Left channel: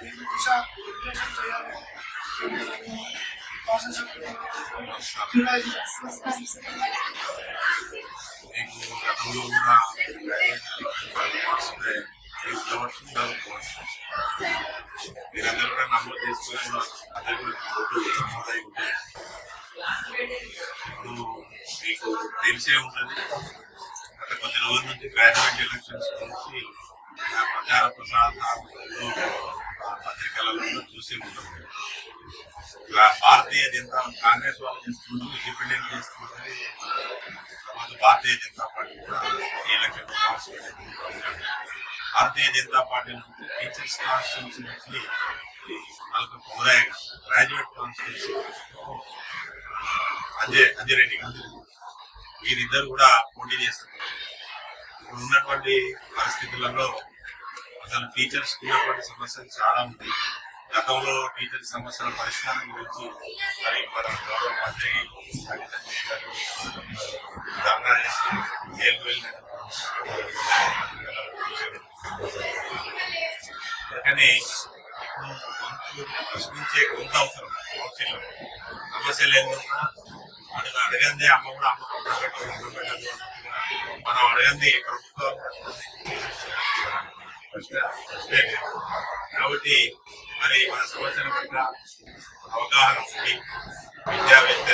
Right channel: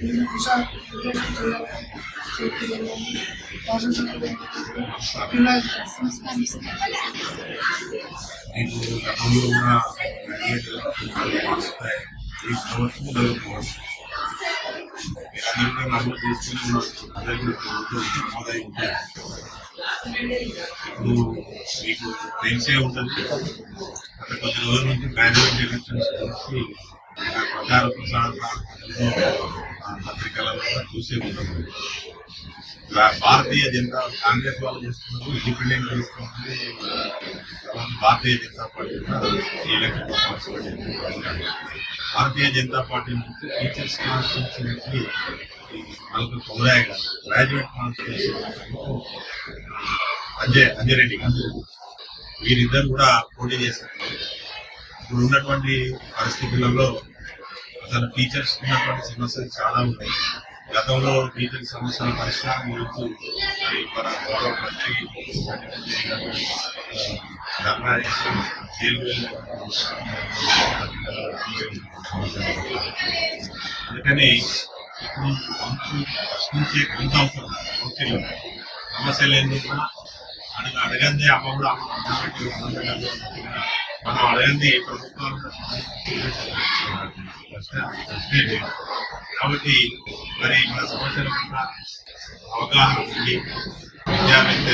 దీన్ని దిశ నిర్దేశం చేయాలని మీకు గతంలో కూడా మీరందరూ కూడా నమోదు చేసుకుని ఉన్నారు. అందరూ కూడా ఓట్లు నమోదై ఉంటాయి. ఇప్పుడు మీకు తెలిసే ఉంటుంది, గత కొద్ది రోజుల నుంచి గ్రాడ్యుయేట్ ఎలక్షన్స్ గురించి ప్రచార ప్రసారాలలో పత్రికలలో కూడా చూసే ఉంటాము. ఇలా భారతీయ జనతా కాంగ్రెస్ వాళ్ళు చేస్తున్నారు, ఇండిపెండెంట్ చేస్తున్నది. తర్వాత భారతీయ జనతా పార్టీ కూడా ఈ ఎలక్షన్లో పార్టిసిపేట్ చేస్తున్నారు. భారతీయ జనతా పార్టీ నుంచి టీచర్స్ కాన్స్టిట్యూన్సీ నుంచి మనకు కొమరాయ గారు, గ్రాడ్యుయేట్ కాన్స్టిట్యూన్సీ అంజరెడ్డి గారు, వీరిద్దరు కూడా పోటీ చేస్తున్నారు. ఇప్పుడు ఉన్నటువంటి పరిస్థితులలో అసలు టీచర్స్ ఉన్నటువంటి సమస్యలు చాలా ఉన్నాయి. గతంలో టీచర్ సమస్యల పరిష్కారం గురించి మరి మన గౌరవ మంత్రి ధర్నా చేసి జైలుకు వెళ్ళి అందుకని ఇప్పుడు వంతు ప్రశ్నించే కొంత అవసరం. కౌన్సిల్లో సమస్యలు ఎందుకున్నా మనకు అడగందే అమ్మ కూడా అమ్మ పెట్టాలి, మనం అడగంది ప్రభుత్వం ప్రశ్నే లేదు. కాబట్టి మరి మన సమస్యల పట్ల అవగాహన ఉండి విద్యావేత్త